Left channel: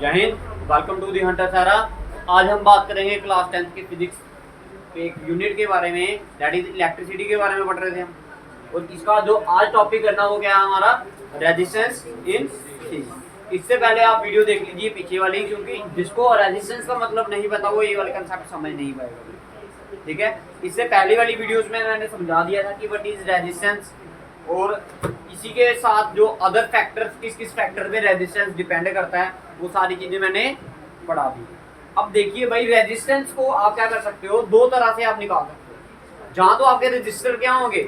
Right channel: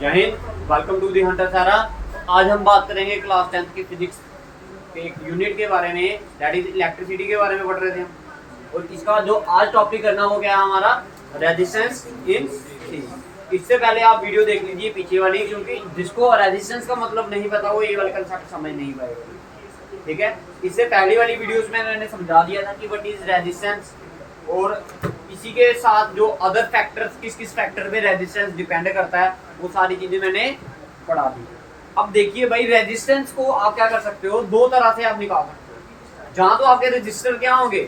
जय हिंद, welcome to the hunter Sara. आज हम बात करेंगे क्लास 10th की फिजिक्स के एक यूनिट के बारे में, दैट इज इलेक्ट्रिसिटी के बारे में पढ़ रहे थे हम। और इसका जो आज टॉपिक करना वो क्या है हमारा, रेजिस्टेंस इन सीरीज। इससे पहले आप वीडियो देख लीजिए पीछे वाली, क्योंकि जिसको रेजिस्टेंस का मतलब नहीं पता वो ये वाले कंसेप्ट समझ नहीं पाएगा। ठीक है, इससे पहले वाली वीडियोस में मैंने समझा दिया था कि व्हाट इज रेजिस्टेंस, और इसी के साथ जो अदर फैक्टर्स, किस किस फैक्टर पे रेजिस्टेंस डिपेंड करता है, वो सारी चीजें मैंने पढ़ा दी। अब देखिए भाई, रेजिस्टेंस को आप क्या कर सकते हो, दो तरह से आप निकाल सकते हो। जहां तो आपके रजिस्टर क्या होंगे,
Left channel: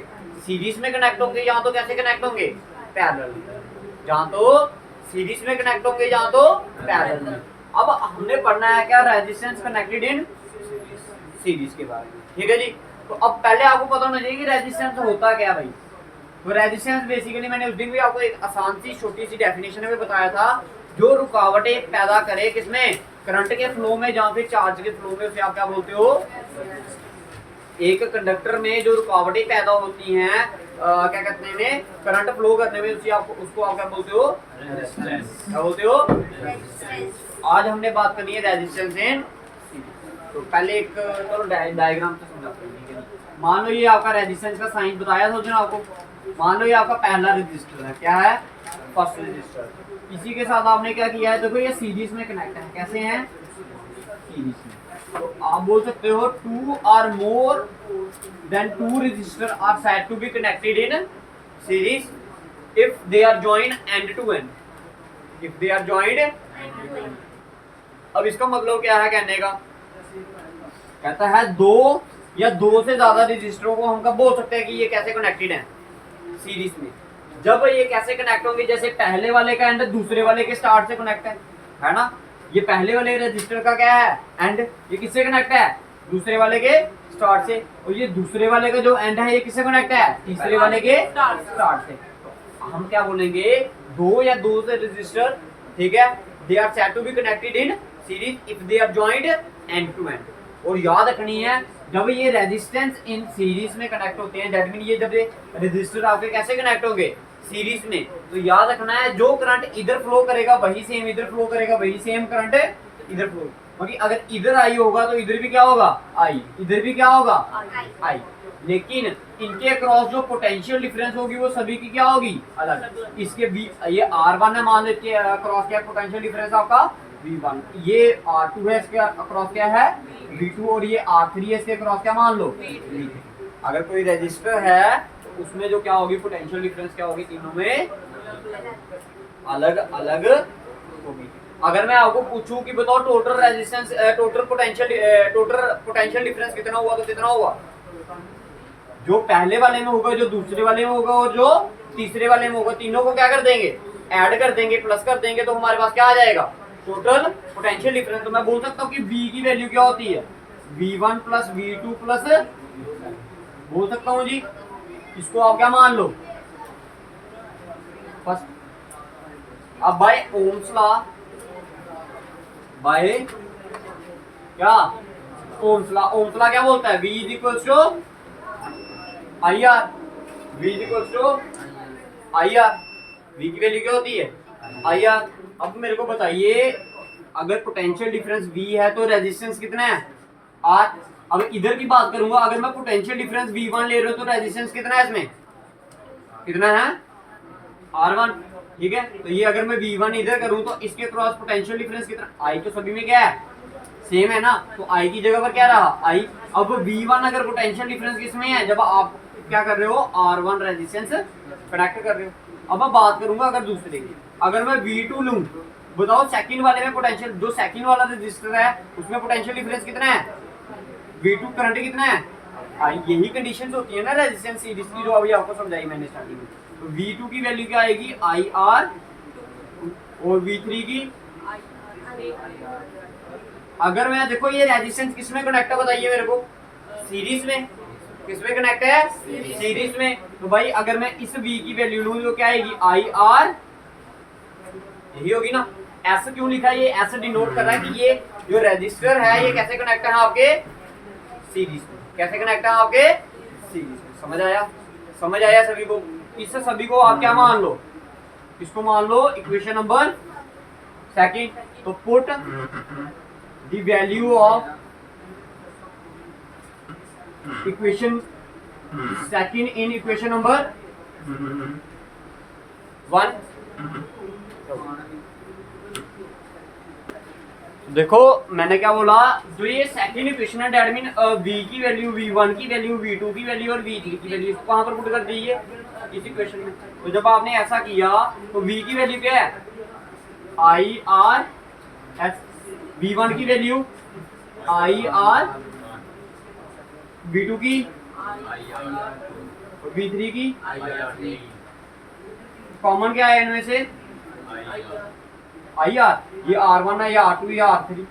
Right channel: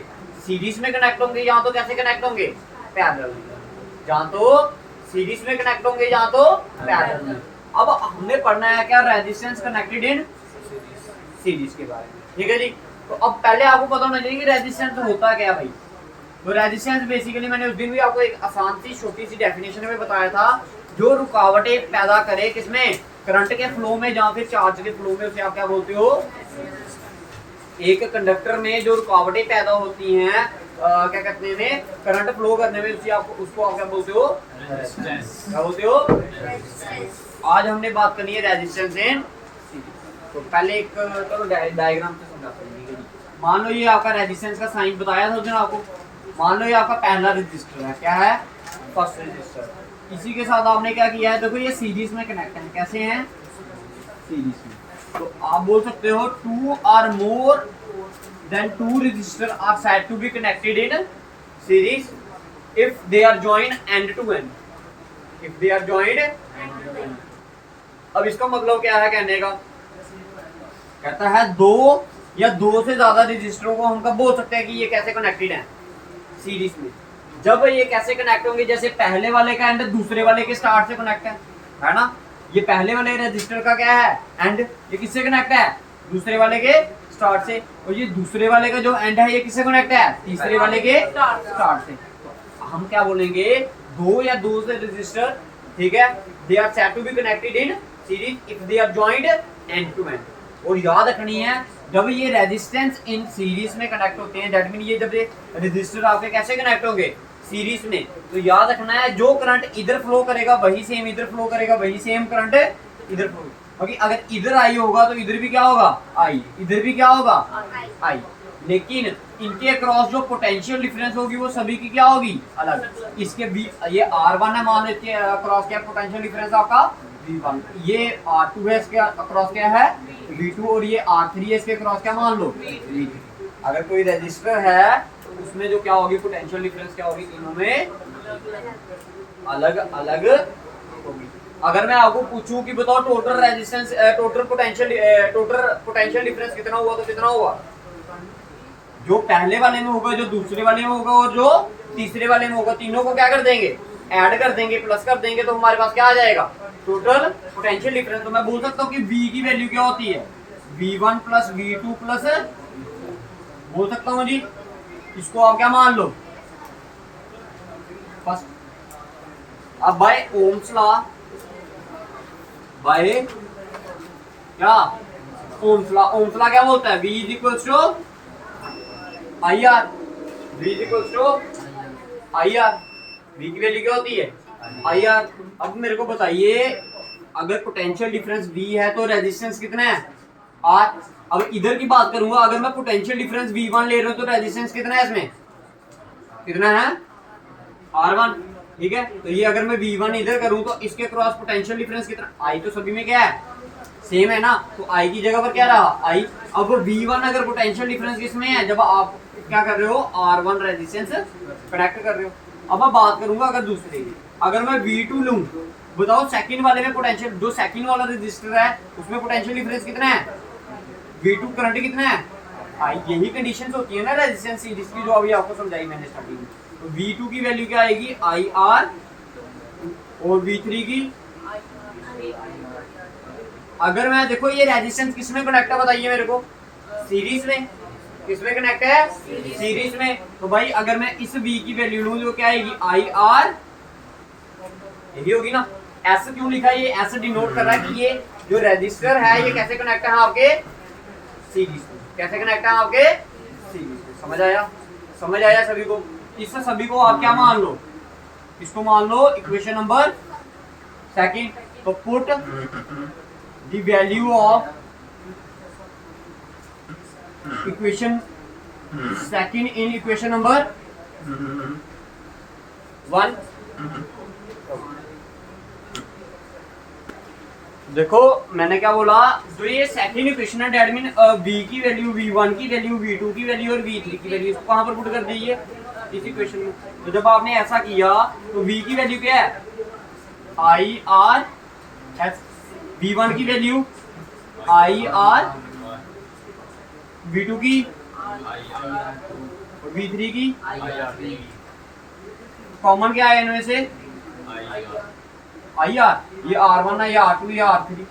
सीरीज में कनेक्ट होंगे, या तो कैसे कनेक्ट होंगे, पैरेलल में। जहां तो सीरीज में कनेक्ट होंगे, जहां तो पैरेलल में। अब हमने पढ़ना है क्या, रेजिस्टेंस कनेक्टेड इन सीरीज के बारे में। ठीक है जी, तो अब पहले आपको पता होना चाहिए कि रेजिस्टेंस होता क्या भाई। तो रेजिस्टेंस बेसिकली मैंने उस दिन भी आपको एक आसान सी छोटी सी डेफिनेशन में बताया था, जो रुकावटें पैदा करे किसमें, करंट के फ्लो में, जहां फिर चार्ज के फ्लो में, उसे आप क्या बोलते हो, एक कंडक्टर में जो रुकावटें पैदा होती हैं, क्या कहते हैं, करंट फ्लो करने में, उसको आप क्या बोलते हो, क्या बोलते हो। आज हमने बात करनी है रेजिस्टेंस इन। तो पहले एक चलो डायग्राम से समझाते हैं। मान लो ये आपका रेजिस्टेंस का साइन बताया था उसने आपको। मान लो ये आपका पहला रजिस्टर है, क्या है, फर्स्ट रजिस्टर। इसी के साथ आपने क्या किया है, देखो ये सीरीज में कनेक्ट है। कैसे हैं, सीरीज में। तो आप बोल सकते हो two or more than two resistor are said to be connected in series if they are joined end to end. If they are joined. अब इसका मतलब क्या है कहने का, कहता है दो या दो से ज्यादा रजिस्टरों को हम कब बोल सकते हैं कि ये कैसे कनेक्टेड हैं, सीरीज में। जब ये कैसे कनेक्ट होंगे, जैसे पहले वाले का एंड दूसरे वाले के स्टार्ट से कनेक्ट है ना। ये पहले वाले रजिस्टर का क्या है, एंड, ये किससे कनेक्ट है, दूसरे वाले के स्टार्ट से। और ये दूसरे वाले का जो एंड है, ये किससे कनेक्ट है, तीसरे वाले के स्टार्ट से। तो हम क्या बोलेंगे, दो या दो से रजिस्टर, ठीक है, they are said to be connected in series if they are joined end to end. और याद रखनी है, जब ये रेजिस्टेंस इन सीरीज में कनेक्ट होते हैं, दैट मीन ये जब ये रजिस्टर आपके कैसे कनेक्ट होंगे, सीरीज में, तो याद रखना है जो करंट इधर फ्लो करेगा वही सेम इधर फ्लो करेगा, वही सेम करंट इधर फ्लो। क्योंकि अगर इधर आई होगा तो इधर भी क्या होगा, आई, इधर भी क्या होगा, आई। लेकिन इनके अक्रॉस जो पोटेंशियल डिफरेंस होगी वो सभी की क्या होगी, अलग। इसके ये R1 है, मान लेते हैं अक्रॉस क्या पोटेंशियल डिफरेंस आपका V1, ये R2 है, इसके अक्रॉस क्या है V2, और ये R3 है, इसके अक्रॉस क्या मान लो V3। अगर कोई रजिस्टर है तो उसमें जो क्या होगी, पोटेंशियल डिफरेंस क्या होगी, तीनों में अलग अलग होगी। अगर मैं आपको पूछूं कि बताओ total resistance, total potential difference कितना हुआ, तो कितना हुआ, जो पहले वाले में होगा, जो दूसरे वाले में होगा, और जो तीसरे वाले में होगा, तीनों को क्या कर देंगे, ऐड कर देंगे, प्लस कर देंगे, तो हमारे पास क्या आ जाएगा, टोटल पोटेंशियल डिफरेंस। तो मैं बोल सकता हूँ कि V की वैल्यू क्या होती है, V1 प्लस V2 प्लस, बोल सकता हूँ जी। इसको आप क्या मान लो, फर्स्ट। अब बाय ओम्स लॉ, बाय क्या, ओम्स लॉ क्या बोलता है, V is equals to I R, V is equals to I R. V की वैल्यू क्या होती है, आई आर। अब मेरे को बताइए, अगर पोटेंशियल डिफरेंस V है तो रेजिस्टेंस कितना है, R। अब इधर की बात करूंगा, अगर मैं पोटेंशियल डिफरेंस V1 ले रहा हूं तो रेजिस्टेंस कितना है, इसमें कितना है, R1। ठीक है, तो ये अगर मैं V1 इधर करूं तो इसके क्रॉस पोटेंशियल डिफरेंस कितना, I तो सभी में क्या है, सेम है ना, तो I की जगह पर क्या रहा, I। अब V1 अगर पोटेंशियल डिफरेंस किसमें है, जब आप क्या कर रहे हो, R1 रेजिस्टेंस कनेक्ट कर रहे हो। अब मैं बात करूंगा अगर दूसरे की, अगर मैं V2 लूं, बताओ सेकंड वाले में पोटेंशियल, जो सेकंड वाला रजिस्टर है उसमें पोटेंशियल डिफरेंस कितना है, V2, करंट कितना है, आई। यही कंडीशंस होती है ना रेजिस्टेंस सीरीज की, जो अभी आपको समझाई मैंने स्टार्टिंग में। तो V2 की वैल्यू क्या आएगी, IR, और V3 की, अगर मैं देखो ये रेजिस्टेंस किसमें कनेक्ट है, बताइए मेरे को, सीरीज में। किसमें कनेक्ट है, सीरीज में। तो भाई अगर मैं इस V की वैल्यू लूं तो क्या आएगी, IR, यही होगी ना। S क्यों लिखा है, ये S डिनोट कर रहा है कि ये जो रजिस्टर है ये कैसे कनेक्ट है आपके सीरीज में, कैसे कनेक्ट है आपके सीरीज में। समझ आया, समझ आया सभी को। इस सभी को आप क्या मान लो, इसको मान लो इक्वेशन नंबर सेकंड, तो put the value of equation second in equation number 1। देखो मैंने क्या बोला, जो ये सेकंड इक्वेशन है डेट मीन v की वैल्यू, v1 की वैल्यू, v2 की वैल्यू और v3 की वैल्यू कहां पर पुट कर दी है, इस इक्वेशन में। तो जब आपने ऐसा किया तो v की वैल्यू क्या है, आई आर एस, v1 की वैल्यू आई आर, v2 की और v3 की कॉमन क्या है इनमें से, आई आर, ये R1 है, ये R2, ये R3,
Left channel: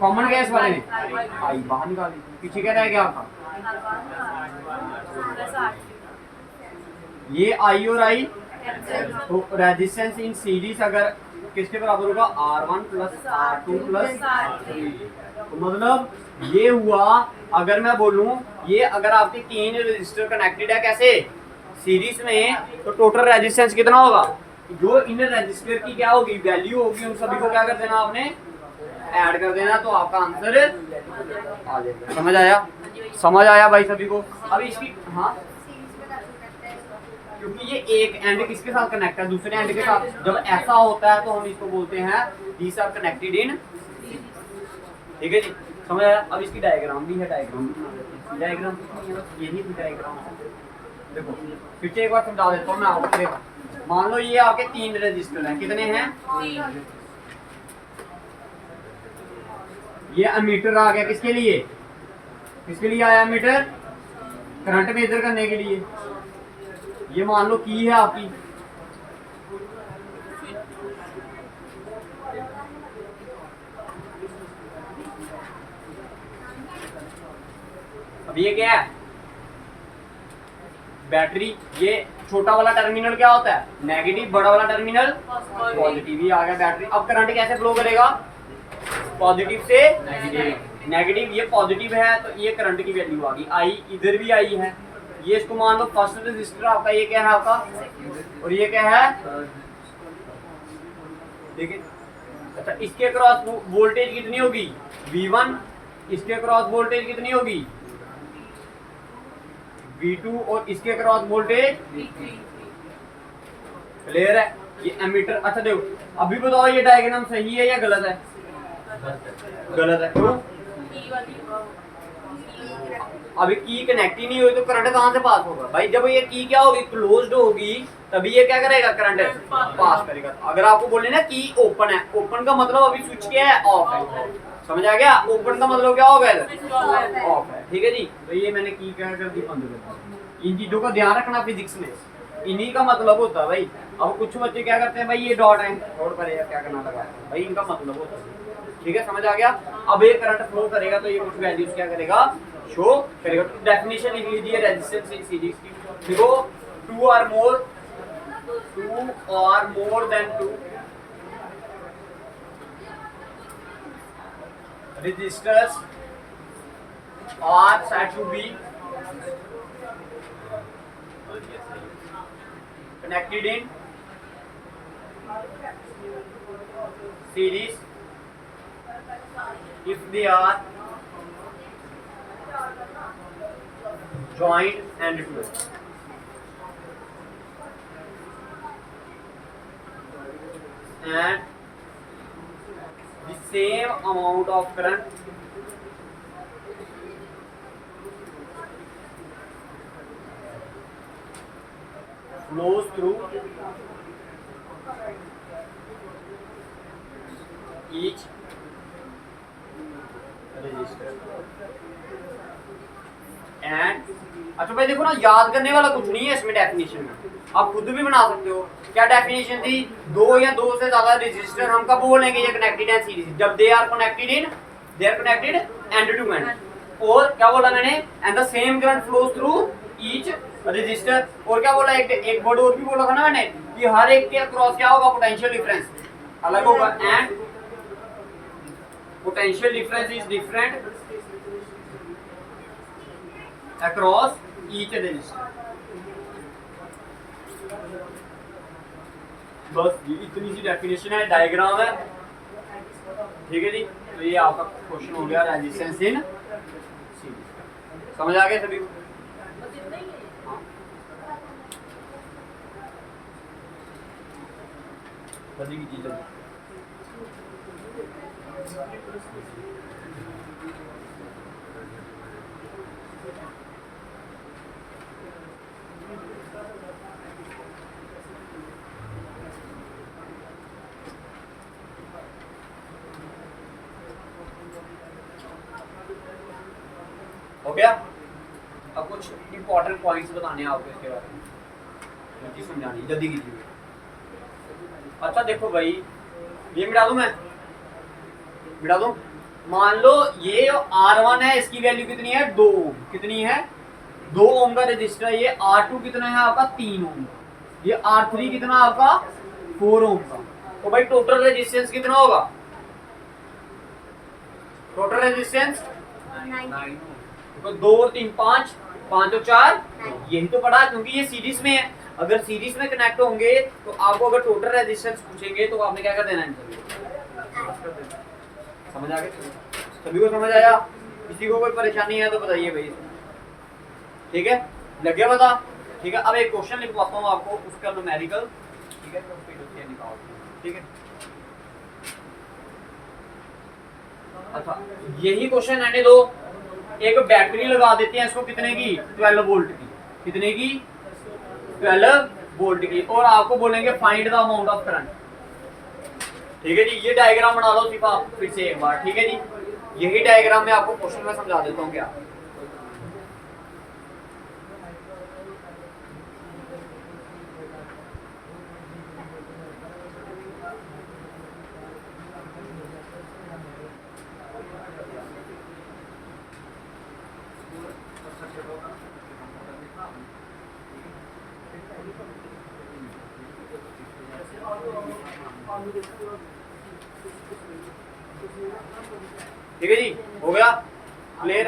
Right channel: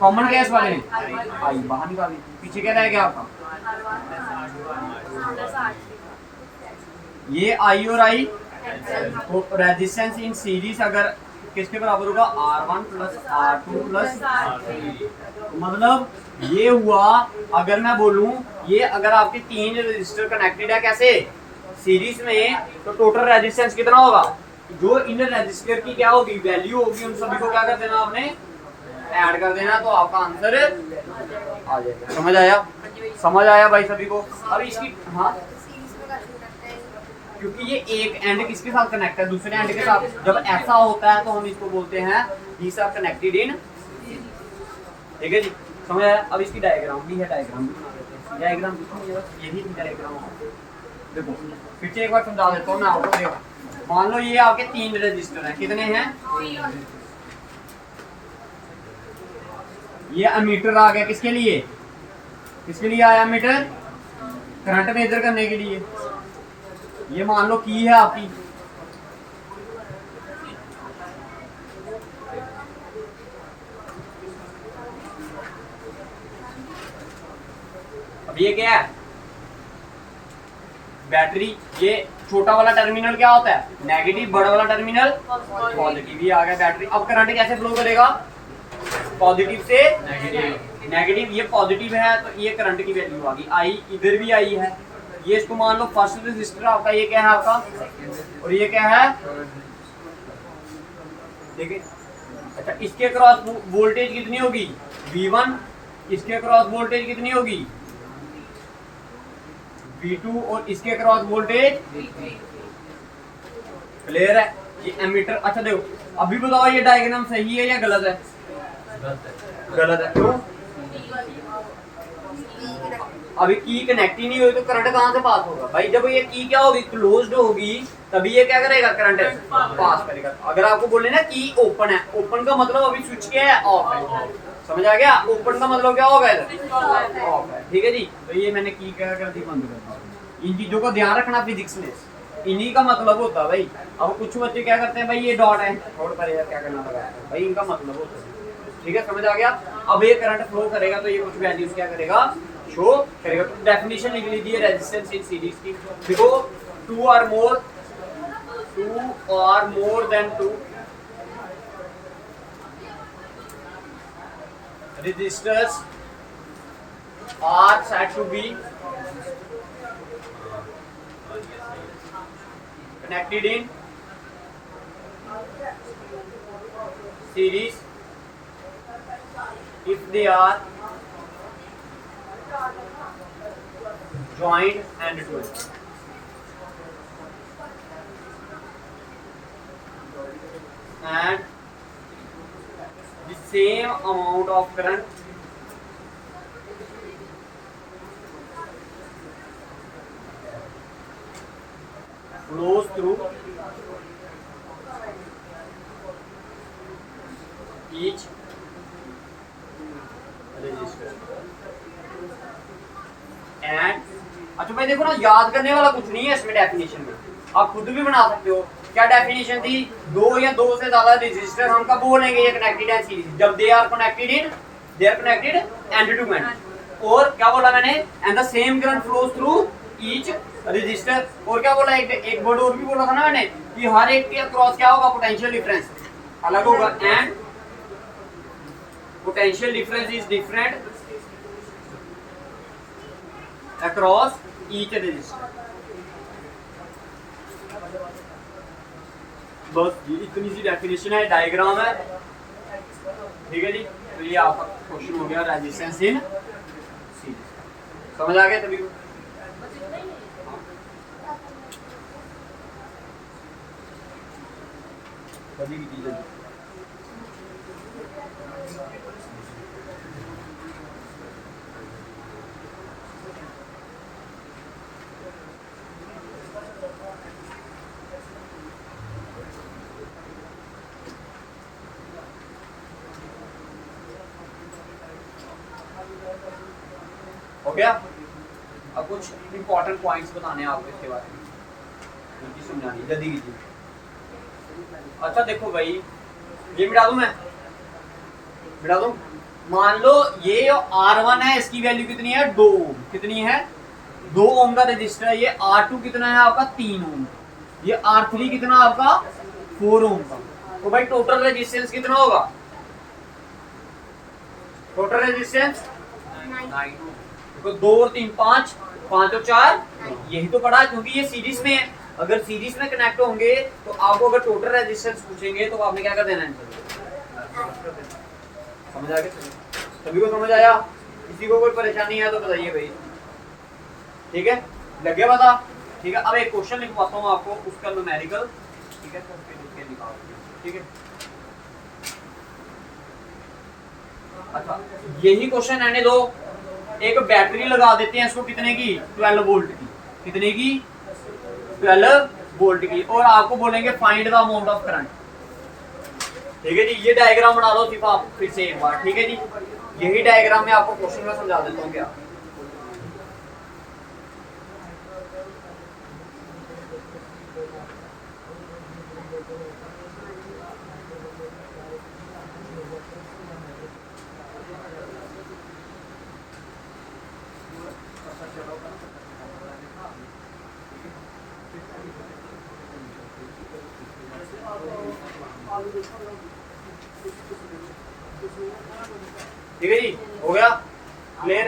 कॉमन क्या है इस वाले में, आई बाहर निकाली, पीछे क्या रह गया आपका, ये आई और आई। तो रेजिस्टेंस इन सीरीज अगर किसके बराबर होगा, R1 plus R2 plus R3। मतलब ये हुआ, अगर मैं बोलूं ये अगर आपके 3 रजिस्टर कनेक्टेड है कैसे, सीरीज में, तो टोटल रेजिस्टेंस कितना होगा, जो इन रजिस्टर की क्या होगी वैल्यू होगी, उन सभी को क्या कर देना आपने, ऐड कर देना, तो आपका आंसर आ जाएगा। समझ आया, समझ आया भाई सभी को। अब इसकी हाँ, क्योंकि ये एक एंड किसके साथ कनेक्ट है, दूसरे एंड के साथ। जब ऐसा होता है तो हम इसको बोलते हैं दीस आर कनेक्टेड इन, ठीक है जी, समझ आया। अब इसकी डायग्राम भी है, डायग्राम भी बना देते हैं। डायग्राम यही थी डायग्राम, देखो फिर से एक बार समझा देता हूँ मैं आपको। देखो मान लो ये आपके 3 रजिस्टर हैं, कितने हैं, ये अमीटर आ गया, किसके लिए, किसके लिए आया अमीटर, करंट मेजर करने के लिए। ये मान लो की है आपकी, अब ये क्या है, बैटरी। ये छोटा वाला टर्मिनल क्या होता है, नेगेटिव, बड़ा वाला टर्मिनल पॉजिटिव। ये आ गया बैटरी। अब करंट कैसे फ्लो करेगा, पॉजिटिव से नेगेटिव। नेगेटिव ये पॉजिटिव है तो ये करंट की वैल्यू आ गई, आई इधर भी आई है। ये इसको मान लो फर्स्ट रेजिस्टर आपका, ये क्या है आपका, और ये क्या है, ठीक है। अच्छा इसके क्रॉस वोल्टेज कितनी होगी, V1, इसके क्रॉस वोल्टेज कितनी होगी, V2, और इसके क्रॉस वोल्टेज V3। क्लियर है। ये एमीटर। अच्छा देखो अभी बताओ ये डायग्राम सही है या गलत है, गलत है। क्यों, अभी की कनेक्ट ही नहीं हुई तो करंट कहां से पास होगा भाई। जब ये की क्या होगी, क्लोज्ड होगी, तभी ये क्या करेगा, करंट पास करेगा। अगर आपको बोले ना की ओपन है, ओपन का मतलब अभी स्विच क्या है, ऑफ है। समझ आ गया, ओपन का मतलब क्या होगा, ऑफ है, ठीक है जी। तो ये मैंने की क्या कर दी, बंद कर दी। इन चीजों का ध्यान रखना फिजिक्स में, इन्हीं का मतलब होता है भाई। अब कुछ बच्चे क्या करते हैं भाई, ये डॉट है, छोड़ पर यार क्या करना लगा भाई, इनका मतलब होता है, ठीक है, समझ आ गया। अब ये करंट फ्लो करेगा तो ये कुछ वैल्यूज क्या करेगा, शो करेगा। तो डेफिनेशन लिख लीजिए रेजिस्टेंस इन सीरीज की। देखो 2 or more than 2 resistors are said to be connected in series if they are joined and twist. And the same amount of current flows through each resistor. And अच्छा भाई देखो ना, याद करने वाला कुछ नहीं है इसमें, डेफिनेशन में आप खुद भी बना सकते हो। क्या डेफिनेशन थी, 2 या 2 से ज्यादा रेजिस्टर हम कब बोलेंगे ये कनेक्टेड है सीरीज, जब they are connected end to end. और क्या बोला मैंने, and the same current flows through each resistor. और क्या बोला, एक वर्ड और भी बोला था ना मैंने, कि हर एक के अक्रॉस क्या होगा, पोटेंशियल डिफरेंस अलग होगा। And potential difference is different across each resistor. बस ये इतनी सी डेफिनेशन है, डायग्राम है, ठीक है जी, तो ये आपका क्वेश्चन हो गया रेजिस्टेंस इन सीरीज। समझ आ गया सभी को? जल्दी कीजिए जल्दी। हो गया? अब कुछ इंपॉर्टेंट पॉइंट्स बताने हैं आपको इसके बारे में, जल्दी समझानी, जल्दी कीजिए। अच्छा देखो भाई, ये मिटा दूं, मैं मिटा दूं। मान लो ये R1 है, इसकी वैल्यू कितनी है 2 ओम। कितनी है? 2 ओम का रजिस्टर है। ये R2 कितना है आपका 3 ओम। ये R3 कितना आपका 4 ओम का। तो भाई टोटल रेजिस्टेंस कितना होगा? Total resistance 9। देखो 2 और 3 5, 5 और 4, यही तो पढ़ा, क्योंकि ये सीरीज में है। अगर सीरीज में कनेक्ट होंगे तो आपको अगर टोटल रेजिस्टेंस पूछेंगे तो आपने क्या कर देना है? समझ आ गया? सभी को समझ आया? किसी को कोई परेशानी है तो बताइए भाई। ठीक है, लग गया पता? ठीक है, अब एक क्वेश्चन लिखवाता हूँ आपको, उसका न्यूमेरिकल। ठीक है, तो फिर उसके निकालो। ठीक है, अच्छा यही क्वेश्चन रहने दो। एक बैटरी लगा देते हैं इसको, कितने की? 12 वोल्ट की। कितने की? 12 वोल्ट की। और आपको बोलेंगे find the amount of current. ठीक है जी, ये डायग्राम बना लो सिर्फ आप फिर से एक बार। ठीक है जी, यही डायग्राम में आपको क्वेश्चन में समझा देता हूँ क्या। ठीक है जी, हो गया क्लियर?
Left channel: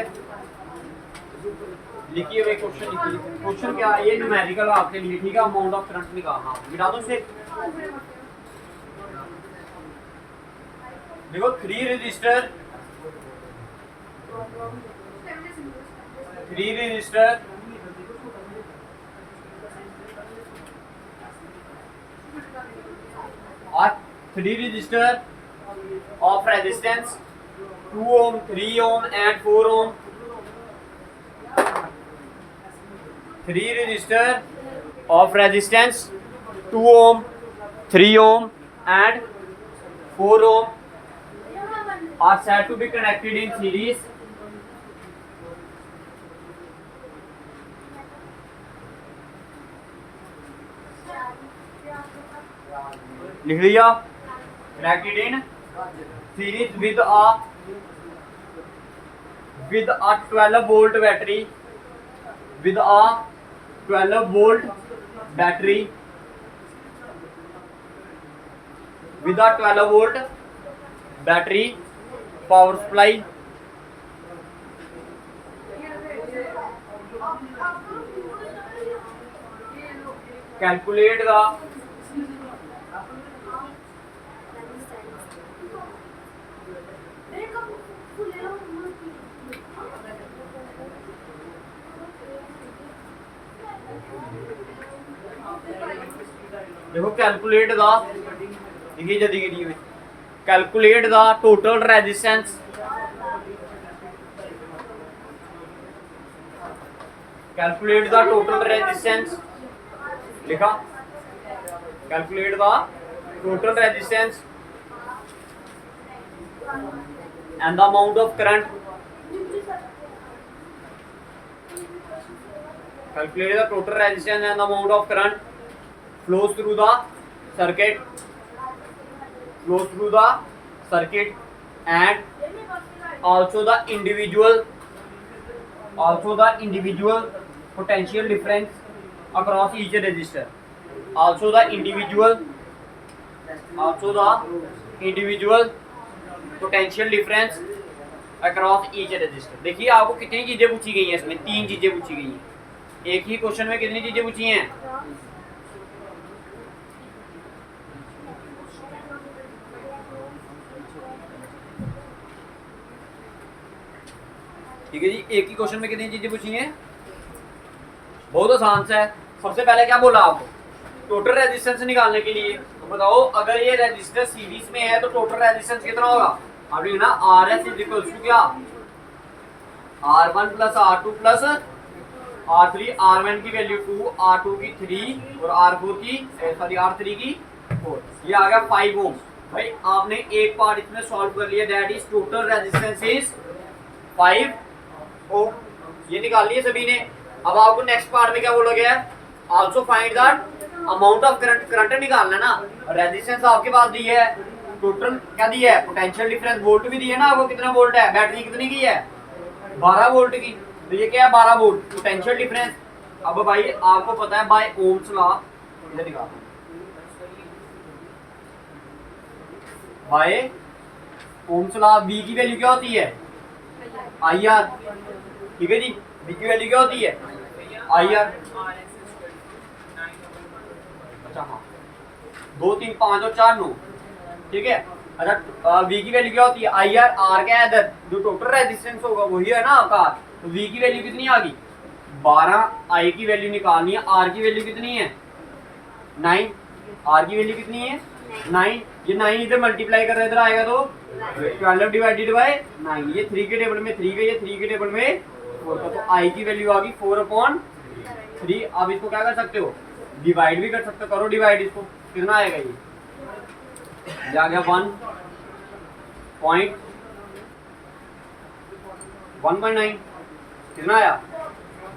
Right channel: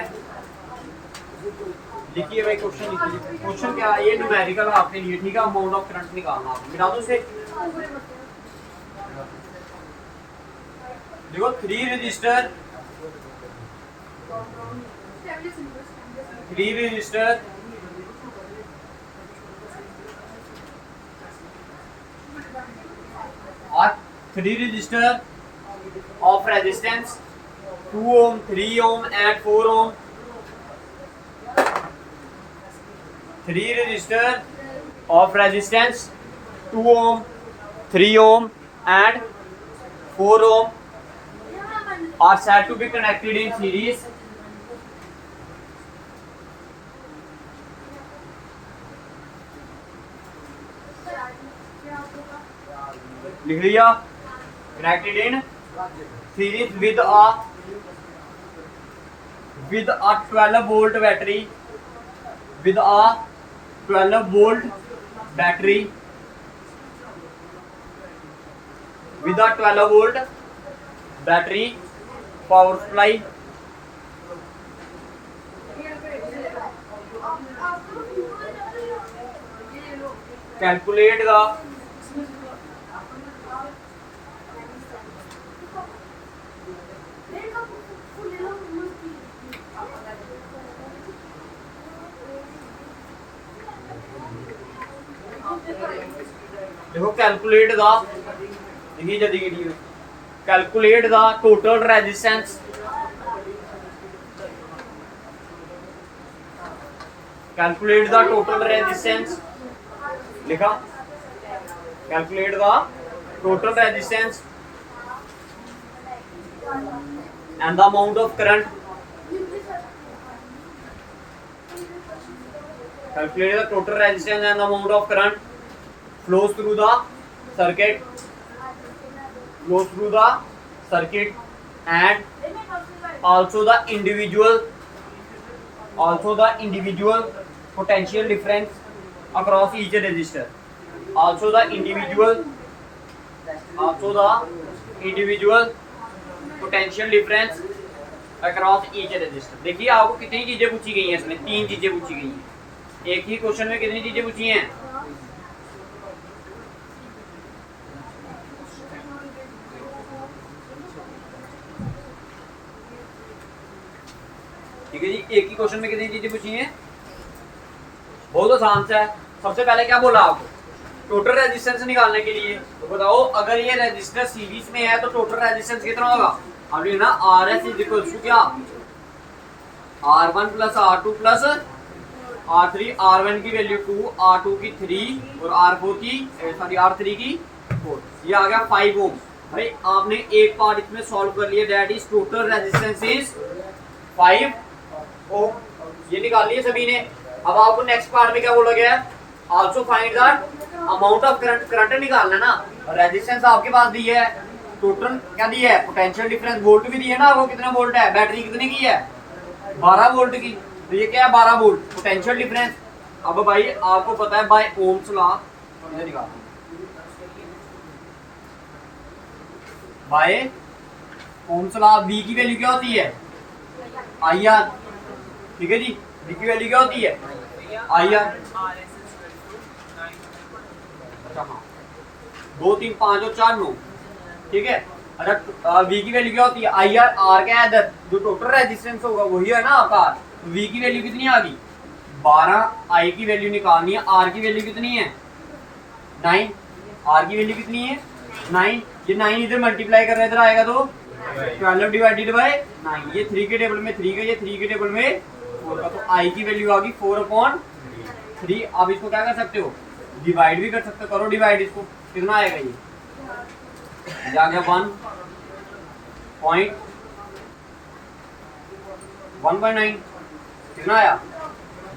लिखिए भाई क्वेश्चन लिखिए। क्वेश्चन क्या है? ये न्यूमेरिकल आपके लिए। ठीक है, अमाउंट ऑफ करंट निकालना। आप मिटा दो इसे। देखो 3 register 3 register of resistance 2 ohm, 3 ohm and 4 ohm. 3 resistor of resistance 2 ohm, 3 ohm and 4 ohm are said to be connected in series. लिख लिया? connected in series with a 12 volt battery, with a 12 volt battery, with a 12 volt battery power supply. Calculate the देखो calculate the, देखिए जल्दी कीजिए। Calculate the total resistance, calculate the total resistance. लिखा? Calculate the total resistance and the amount of current. Calculate the total resistance and the amount of current flows through the circuit, and also the individual potential difference across each resistor. Also the individual potential difference across each resistor. देखिए आपको कितनी चीजें पूछी गई हैं इसमें? 3 चीजें पूछी गई हैं। एक ही क्वेश्चन में कितनी चीजें पूछी हैं? ठीक है जी, एक ही क्वेश्चन में कितनी चीजें पूछी हैं? बहुत आसान सा है। सबसे पहले क्या बोला आपको? टोटल रेजिस्टेंस निकालने के लिए। तो बताओ अगर ये रेजिस्टर सीरीज में है तो टोटल रेजिस्टेंस कितना होगा? अब ना R S is equal to क्या? R1 plus R2 plus R3। R1 की वैल्यू 2, R2 की 3 और R4 की सॉरी R3 की 4। ये आ गया 5 ओम। भाई आपने एक पार्ट इसमें सॉल्व कर लिया, that is total resistance is 5 ओम। ये निकाल लिए सभी ने। अब आपको नेक्स्ट पार्ट में क्या बोला गया है? Also find the amount of current. Current निकालना ना। रेजिस्टेंस आपके पास दी है, टोटल क्या दी है? Potential difference. वोल्ट भी दी है ना आपको, कितना वोल्ट है? बैटरी कितने की है? 12 वोल्ट की। तो ये क्या है? 12 वोल्ट पोटेंशियल डिफरेंस। अब भाई आपको पता है बाय ओम्स लॉ, इधर दिखाता हूं, बाय ओम्स लॉ V की वैल्यू क्या होती है? IR। ठीक है जी, V की वैल्यू क्या होती है? IR। अच्छा हाँ, 2 3 5 और 4 9। ठीक है। अच्छा V की वैल्यू क्या होती है? IR। R क्या है? इधर जो टोटल रेजिस्टेंस होगा वही है ना आपका। तो V की वैल्यू कितनी आ गई? 12। I की वैल्यू निकालनी है। R की वैल्यू कितनी है? 9। R की वैल्यू कितनी है? 9। ये 9 इधर मल्टीप्लाई कर रहे इधर आएगा तो 12 डिवाइडेड बाय 9। ये 3 के टेबल में 3 का, ये 3 के टेबल में 4 का। तो I की वैल्यू आ गई 4/3। अब इसको क्या कर सकते हो? डिवाइड भी कर सकते हो। करो डिवाइड इसको, कितना आएगा? ये आ गया 1.9। कितना आया?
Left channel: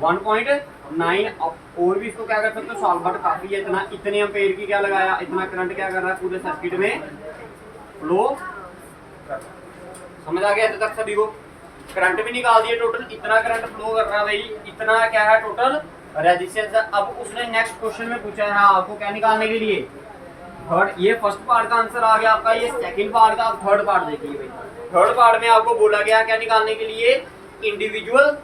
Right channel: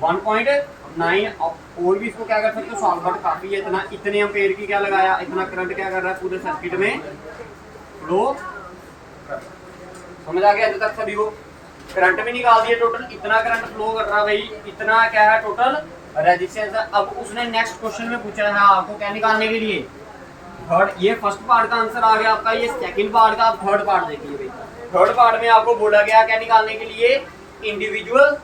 1.9। और भी इसको क्या कर सकते हो? सॉल्व। बट काफी है इतना। इतने एम्पेयर की क्या लगाया? इतना करंट क्या कर रहा है? पूरे सर्किट में फ्लो। समझ आ गया अभी तक सभी को? करंट भी निकाल दिया टोटल। इतना करंट फ्लो कर रहा है भाई। इतना क्या है टोटल रेजिस्टेंस। अब उसने नेक्स्ट क्वेश्चन में पूछा है आपको क्या निकालने के लिए? थर्ड। ये फर्स्ट पार्ट का आंसर आ गया आपका। ये सेकंड पार्ट का। आप थर्ड पार्ट देखिए भाई। थर्ड पार्ट में आपको बोला गया क्या निकालने के लिए? Individual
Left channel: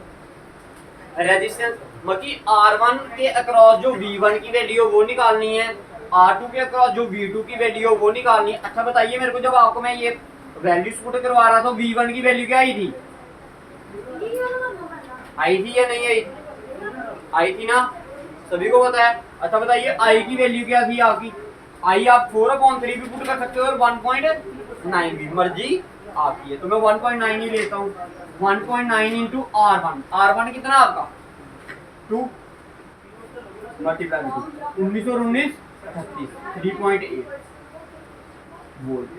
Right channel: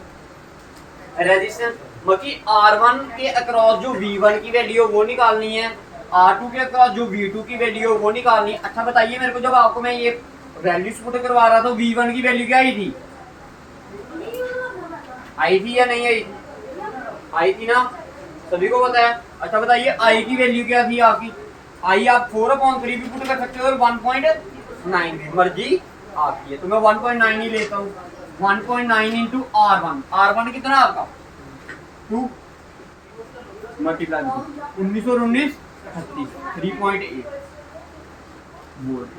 resistance. मतलब R1 के अक्रॉस जो V1 की वैल्यू है वो निकालनी है, R2 के अक्रॉस जो V2 की वैल्यू है वो निकालनी है। अच्छा बताइए मेरे को, जब आपको मैं ये वैल्यूज पुट करवा रहा था V1 की वैल्यू क्या आई थी? आई थी या नहीं आई? आई थी ना, सभी को पता है। अच्छा बताइए I की वैल्यू क्या थी आपकी? I आप 4/3 भी पुट कर सकते हो और 1.9 भी, मर्जी आपकी है। तो मैं 1.9 ही लेता हूँ। 1.9 इंटू R1। R1 कितना आपका? 2 मल्टीप्लाई 19 और 19 38, 3.8 वोल्ट।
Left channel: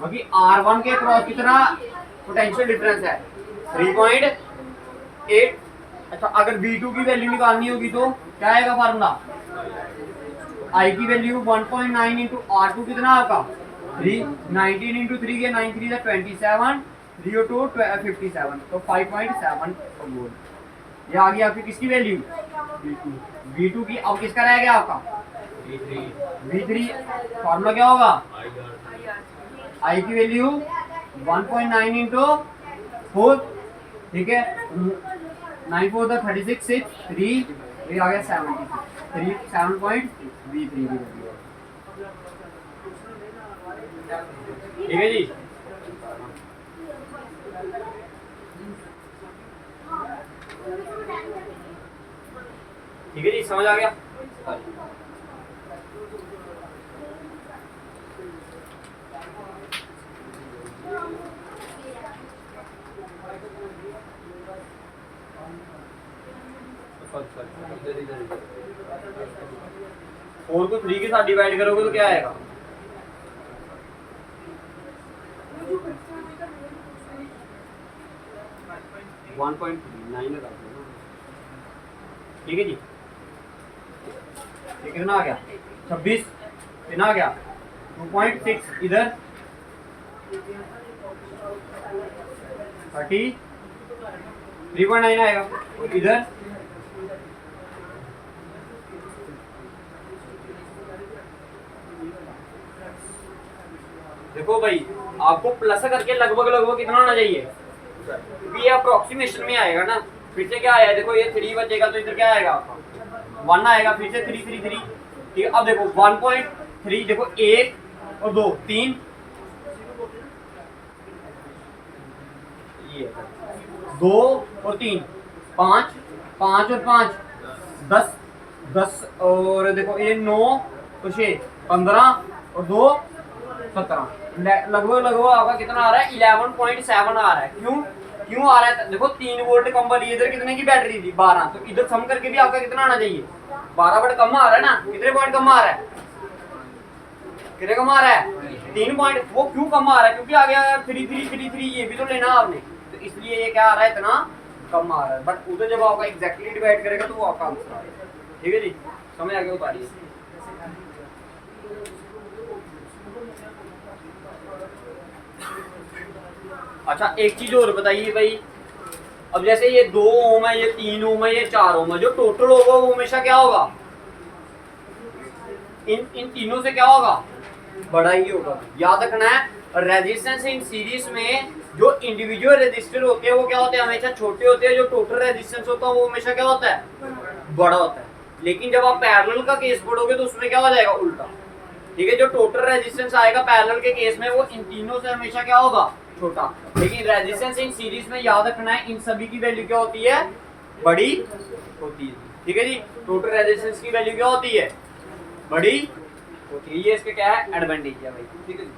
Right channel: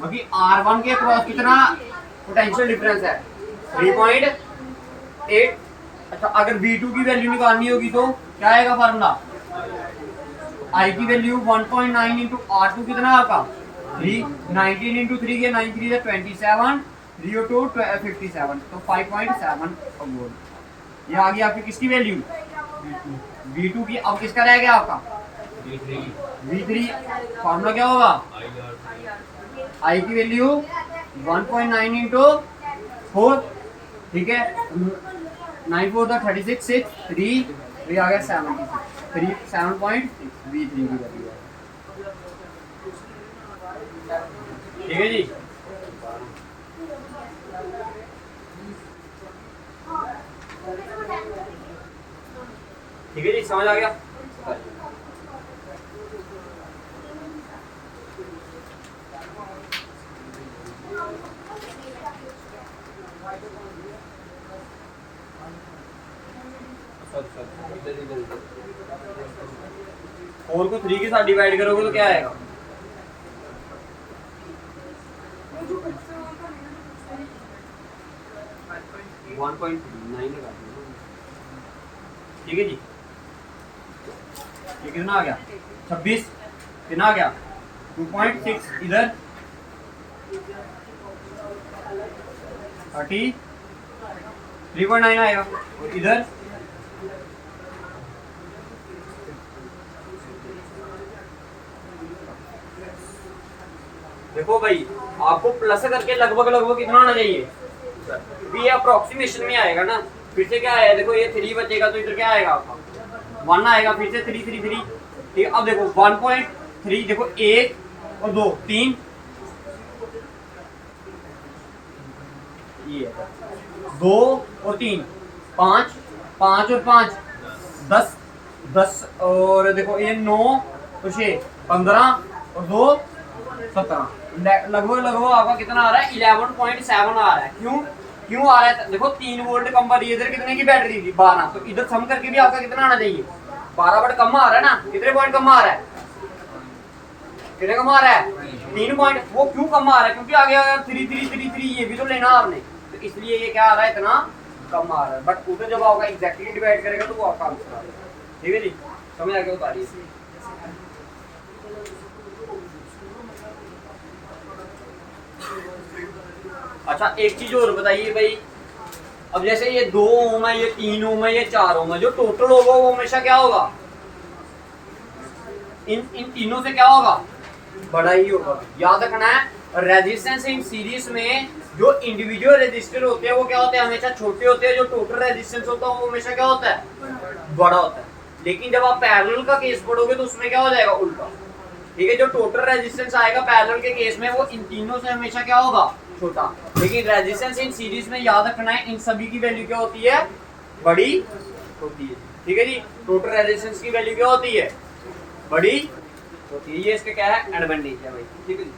बाकी R1 के क्रॉस कितना पोटेंशियल डिफरेंस है? 3.8। अच्छा अगर V2 की वैल्यू निकालनी होगी तो क्या आएगा फार्मूला? I की वैल्यू 1.9 इंटू R2 कितना आपका? 3। 19 इंटू 3 के 9 3 27, 3 और 2 57, तो 5.7 वोल्ट। ये आ गई आपकी किसकी वैल्यू? V2 की। अब किसका रह गया आपका? V3। फार्मूला क्या होगा? I की वैल्यू 1.9 इंटू 4। ठीक है, 9 4 36 6 3 3 आ गया 76, 7.6 V3 की वैल्यू। ठीक है जी। ठीक है जी, समझ आ गया? फोर को 3 के साथ डिवाइड करोगे तो क्या आएगा? वन पॉइंट 9 लगा। ठीक है जी। ये कितना आ गया? 26। कितना आ गया? 2.6 इधर 30, 3.9 आएगा। और इधर देखो भाई, आपको प्लस करके लगभग लगभग कितना आना चाहिए? ये अप्रोक्सीमेशन में आएगा ना। फिर से क्या आया? देखो ये 3 बचेगा तो इधर क्या आएगा आपका? 1 आएगा। फिर से 3 3 3। ठीक है, अब देखो 1.3। देखो 1 और 2 3, ये 2 और 3 5, 5 और 5 10, 10 और देखो ये 9 और 6 15 और 2 17, लगभग लगभग आपका कितना आ रहा है 11.7 आ रहा है। क्यों आ रहा है? देखो 3 वोल्ट कम पर इधर कितने की बैटरी थी 12, तो इधर सम करके भी आपका कितना आना चाहिए 12 वोल्ट कम आ रहा है ना। कितने पॉइंट कम आ रहा है? कितने कम आ रहा है? 3 पॉइंट। वो क्यों कम आ रहा है? क्योंकि आगे अगर 3 3 3 3 ये भी तो लेना आपने, तो इसलिए ये क्या आ रहा है इतना कम आ रहा है। बट उधर जब आपका एग्जैक्टली डिवाइड करेगा तो वो आपका आंसर आ जाएगा। ठीक है जी, समझ आ गया? उतारिए। अच्छा एक चीज और बताइए भाई, अब जैसे ये 2 ओम है, ये 3 ओम है, ये 4 ओम है, जो टोटल होगा वो हमेशा क्या होगा? इन तीनों से क्या होगा? बड़ा ही होगा। याद रखना है रेजिस्टेंस इन सीरीज में जो इंडिविजुअल रेजिस्टर होते हैं वो क्या होते हैं? हमेशा छोटे होते हैं। जो टोटल रेजिस्टेंस होता है वो हमेशा क्या होता है? बड़ा होता है। लेकिन जब आप पैरेलल का केस पढ़ोगे तो उसमें क्या हो जाएगा? उल्टा। ठीक है, जो टोटल रेजिस्टेंस आएगा पैरेलल के केस में वो इन तीनों से हमेशा क्या होगा? छोटा। लेकिन रेजिस्टेंस इन सीरीज में याद रखना है इन सभी की वैल्यू क्या होती है? बड़ी होती है। ठीक है जी, टोटल रेजिस्टेंस की वैल्यू क्या होती है? बड़ी होती है। ये इसके क्या है? एडवांटेज है भाई। ठीक है जी।